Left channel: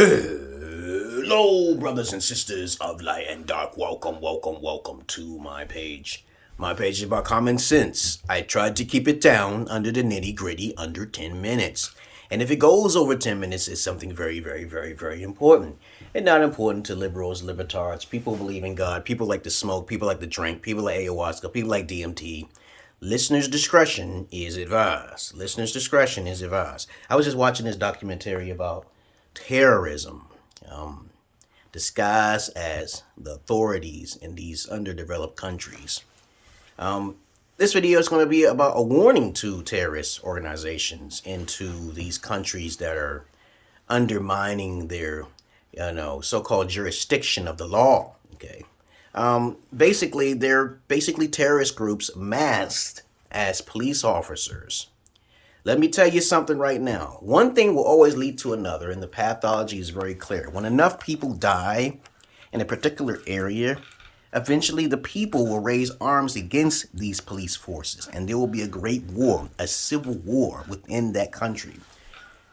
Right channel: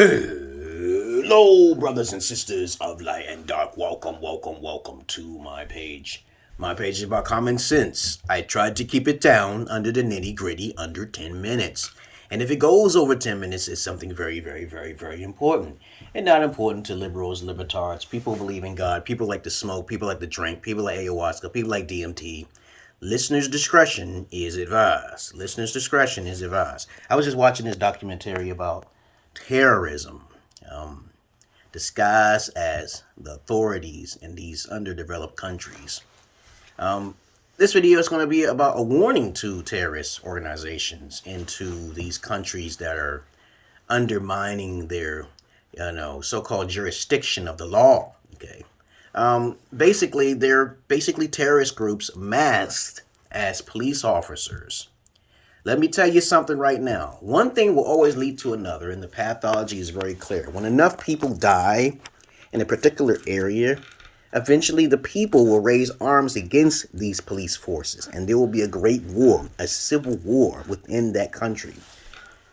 Hello, brothers and sisters of light and dark. Welcome to my page. My page is about common sense. I tried to keep it down under the nitty gritty under 10 minutes. And if it goes over 10 minutes, it's something very important. And not important to liberals, libertards, people who believe in God, people like to smoke, people like to drink, people like ayahuasca, people like DMT. Listeners' discretion is advised. Listeners' discretion is advised. I was just watching this documentary about terrorism, disguised as the authorities in these underdeveloped countries. This video is going to be about a warning to terrorist organizations into these countries that are undermining their, so-called jurisdiction of the law. Okay. Basically, they're terrorist groups masked as police officers. Let me tell you something right now. One thing will always lead to another, and the pathology is very clear. When enough people die in a particular area, eventually the people will raise arms against these police forces, and there will be a great war, a civil war within that country.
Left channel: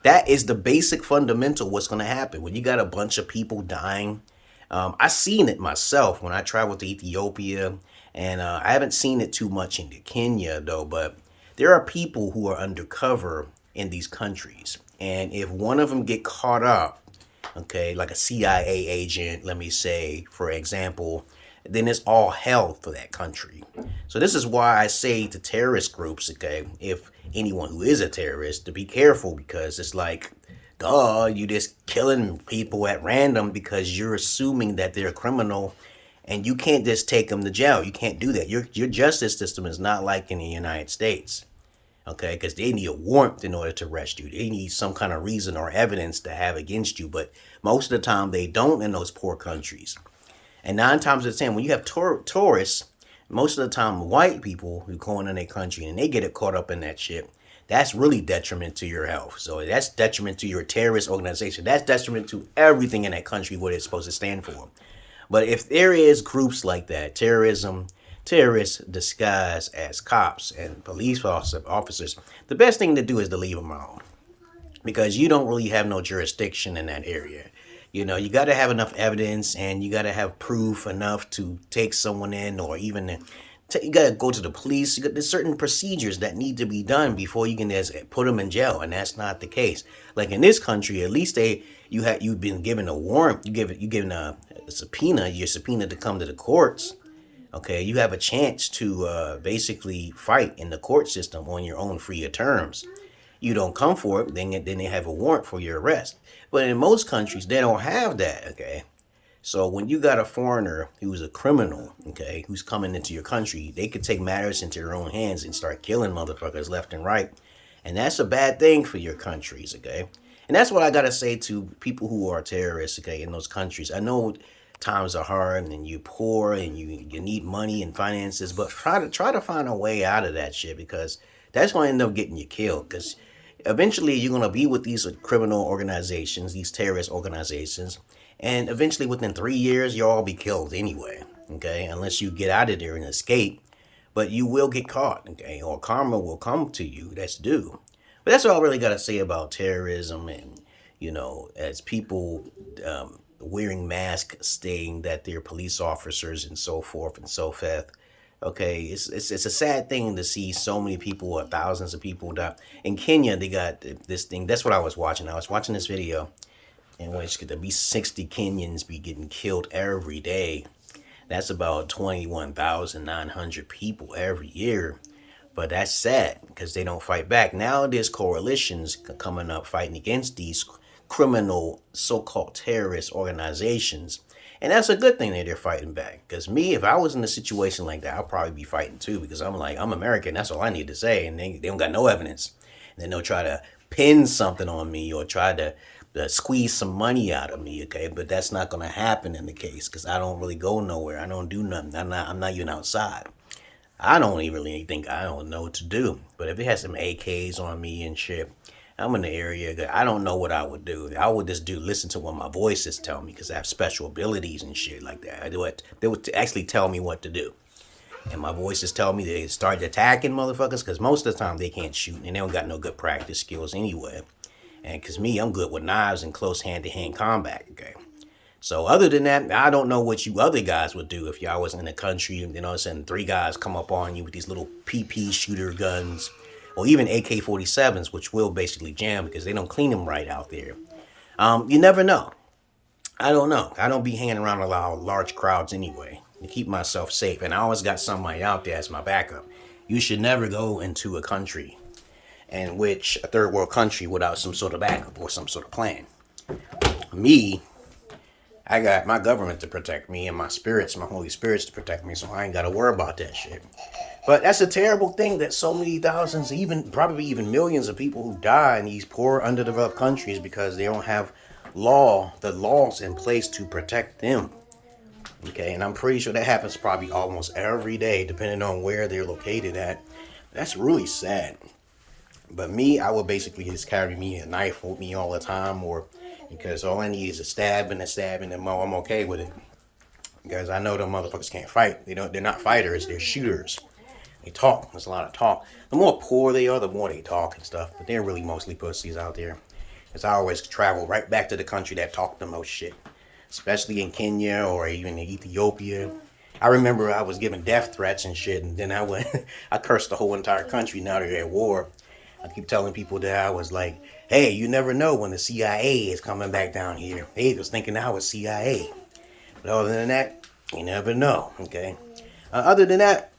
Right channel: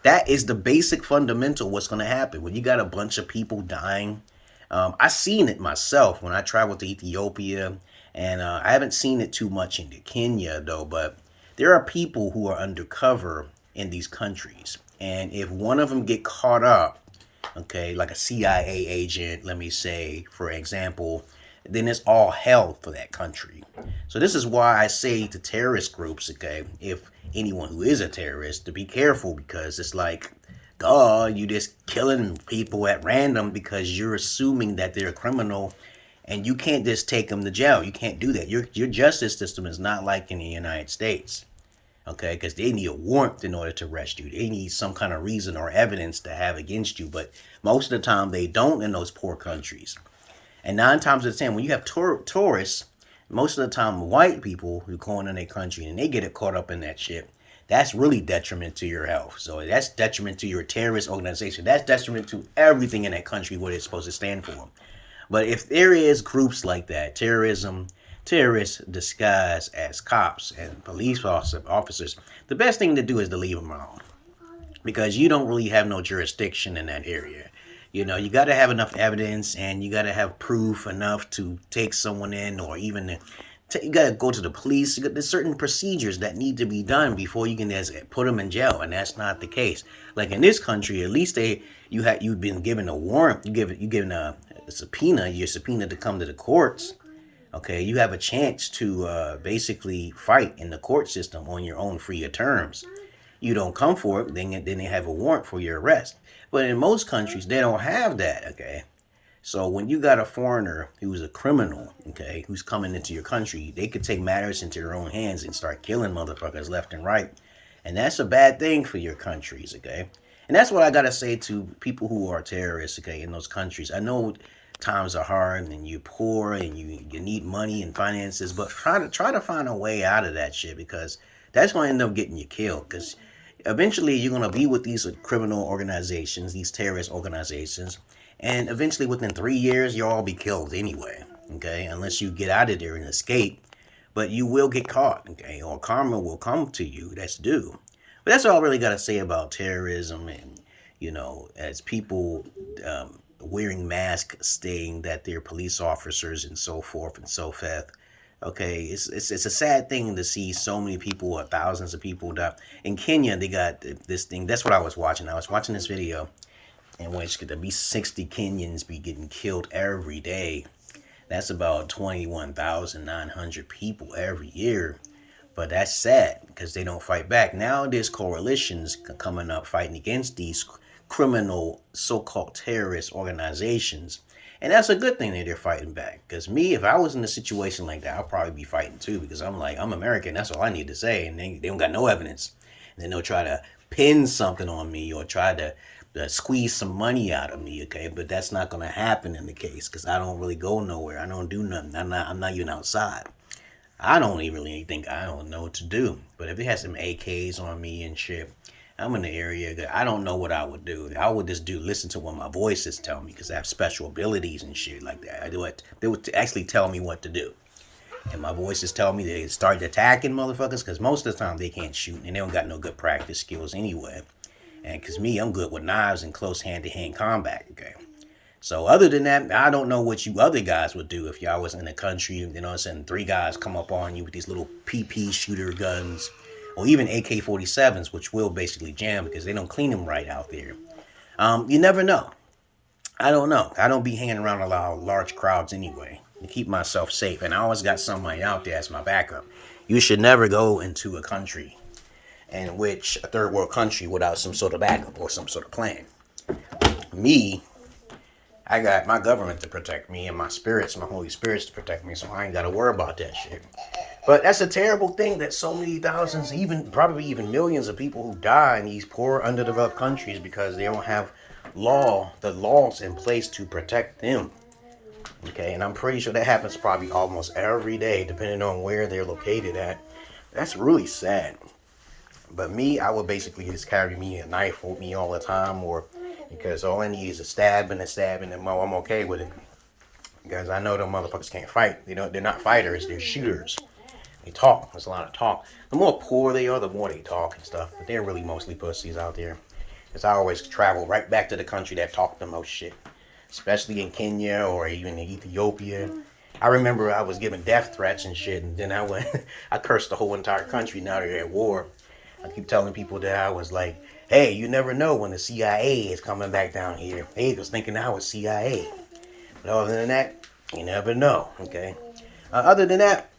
That is the basic fundamental what's going to happen. When you got a bunch of people dying, I seen it myself when I traveled to Ethiopia, and I haven't seen it too much in Kenya, though, but there are people who are undercover in these countries. And if one of them get caught up, okay, like a CIA agent, let me say, for example, then it's all hell for that country. So this is why I say to terrorist groups, okay, if anyone who is a terrorist, to be careful, because it's like, you just killing people at random because you're assuming that they're a criminal, and you can't just take them to jail. You can't do that. Your justice system is not like in the United States, okay? Because they need a warrant in order to arrest you. They need some kind of reason or evidence to have against you. But most of the time, they don't in those poor countries. And 9 times out of 10, when you have tourists, most of the time, white people who go in their country and they get caught up in that shit, that's really detriment to your health. So that's detriment to your terrorist organization. That's detriment to everything in that country, what it's supposed to stand for. But if there is groups like that, terrorists disguised as cops and police officers, the best thing to do is to leave them alone, because you don't really have no jurisdiction in that area. You got to have enough evidence, and you got to have proof enough to take someone in, or even you got to go to the police. There's certain procedures that need to be done before you can just put them in jail, and that's not the case. Like in this country, at least you've been given a warrant. You given a subpoena. You're subpoenaed to come to the courts. Okay, you have a chance to basically fight in the court system on your own free terms. You don't come for it, then they have a warrant for your arrest. But in most countries, they don't have that. Okay, so when you got a foreigner who's a criminal, okay, who's coming into your country, they could take matters into their own hands and start killing motherfuckers left and right, and that's a bad thing for your countries. Okay. And that's what I got to say to people who are terrorists, okay, in those countries. I know times are hard and you're poor and you need money and finances, but try to find a way out of that shit, because that's going to end up getting you killed. Because eventually you're going to be with these criminal organizations, these terrorist organizations, and eventually within 3 years, you'll all be killed anyway, okay, unless you get out of there and escape. But you will get caught, okay, or karma will come to you. That's due. But that's all I really got to say about terrorism, and, as people wearing masks saying that they're police officers and so forth and so forth. Okay, it's a sad thing to see so many people, or thousands of people die. In Kenya, they got this thing. That's what I was watching. I was watching this video in which there be 60 Kenyans be getting killed every day. That's about 21,900 people every year. But that's sad, because they don't fight back. Now there's coalitions coming up fighting against these criminal so-called terrorist organizations. And that's a good thing that they're fighting back. Because me, if I was in a situation like that, I'd probably be fighting too. Because I'm American. That's all I need to say. And they don't got no evidence. And then they'll try to pin something on me, or try to squeeze some money out of me, okay? But that's not going to happen in the case, because I don't really go nowhere. I don't do nothing. I'm not even outside. I don't even really think I don't know what to do. But if they had some AKs on me and shit, I'm in the area that I don't know what I would do. I would just listen to what my voices tell me, because I have special abilities and shit like that. They would actually tell me what to do. And my voices tell me they start attacking motherfuckers, because most of the time they can't shoot and they don't got no good practice skills anyway. And because me, I'm good with knives and close hand-to-hand combat, okay? So other than that, I don't know what you other guys would do if y'all was in a country, you know what I'm saying, 3 guys come up on you with these little PP shooter guns, or even AK-47s, which will basically jam because they don't clean them right out there. You never know. I don't know. I don't be hanging around a lot of large crowds anyway to keep myself safe. And I always got somebody out there as my backup. You should never go into a country in which a third world country without some sort of backup or some sort of plan. Me, I got my government to protect me and my spirits, my Holy Spirits to protect me, so I ain't got to worry about that shit. But that's a terrible thing that so many thousands, probably even millions of people who die in these poor, underdeveloped countries because they don't have the laws in place to protect them. Okay, and I'm pretty sure that happens probably almost every day, depending on where they're located at. That's really sad. But me, I would basically just carry me a knife with me all the time, or because all I need is a stab, and I'm okay with it. Because I know them motherfuckers can't fight. They're not fighters, they're shooters. They talk. There's a lot of talk. The more poor they are, the more they talk and stuff. But they're really mostly pussies out there. Because I always travel right back to the country that talk the most shit. Especially in Kenya or even in Ethiopia. I remember I was given death threats and shit. And then I cursed the whole entire country. Now they're at war. I keep telling people that I was like, hey, you never know when the CIA is coming back down here. They was thinking I was CIA. But other than that, you never know. Okay. Other than that,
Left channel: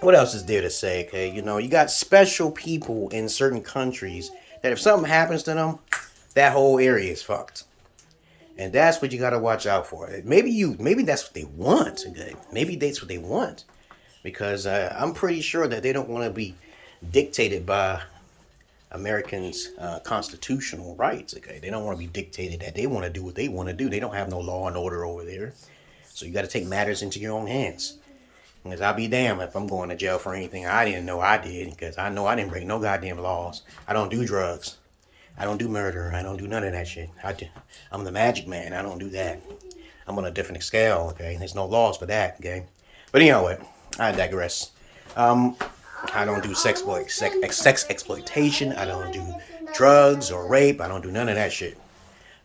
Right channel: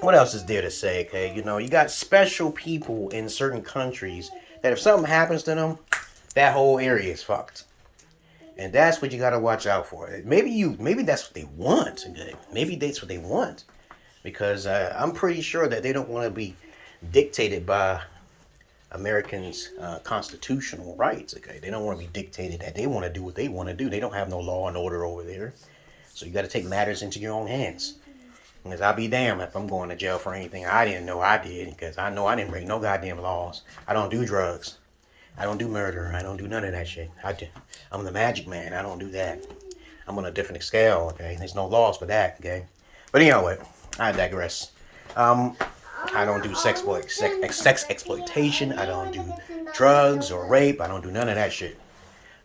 what else is there to say, okay? You got special people in certain countries that if something happens to them, that whole area is fucked. And that's what you got to watch out for. Maybe that's what they want, okay? Maybe that's what they want. Because I'm pretty sure that they don't want to be dictated by Americans' constitutional rights, okay? They don't want to be dictated that they want to do what they want to do. They don't have no law and order over there. So you got to take matters into your own hands. Because I'll be damned if I'm going to jail for anything I didn't know I did. Because I know I didn't break no goddamn laws. I don't do drugs. I don't do murder. I don't do none of that shit. I'm the magic man. I don't do that. I'm on a different scale, okay? There's no laws for that, okay? But anyway, I digress. I don't do sex exploitation. I don't do drugs or rape. I don't do none of that shit.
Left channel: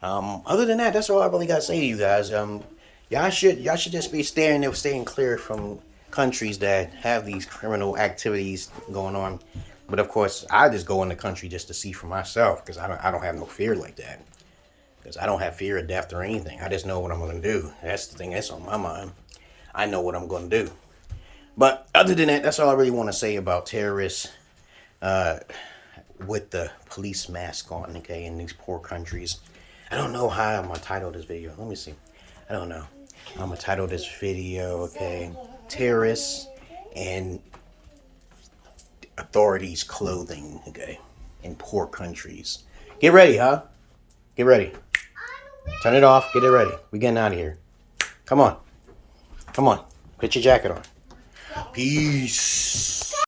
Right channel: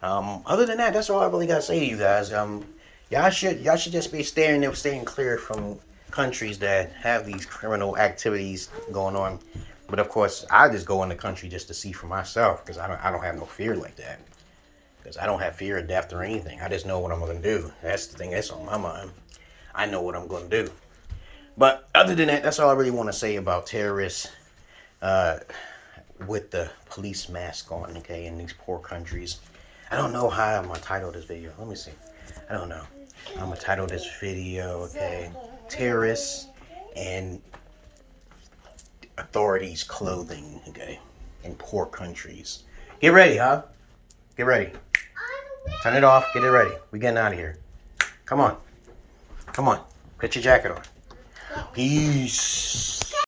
Other than that, that's all I really got to say to you guys. Y'all should just be staying clear from countries that have these criminal activities going on. But of course, I just go in the country just to see for myself because I don't have no fear like that. Because I don't have fear of death or anything. I just know what I'm going to do. That's the thing that's on my mind. I know what I'm going to do. But other than that, that's all I really want to say about terrorists with the police mask on, okay, in these poor countries. I don't know how I'm going to title this video. Let me see. I don't know. I'm going to title this video, okay, Terrorists and Authorities Clothing, okay, in poor countries. Get ready, huh? Get ready. Turn it off. Get it ready. We're getting out of here. Come on. Come on. Put your jacket on. Peace.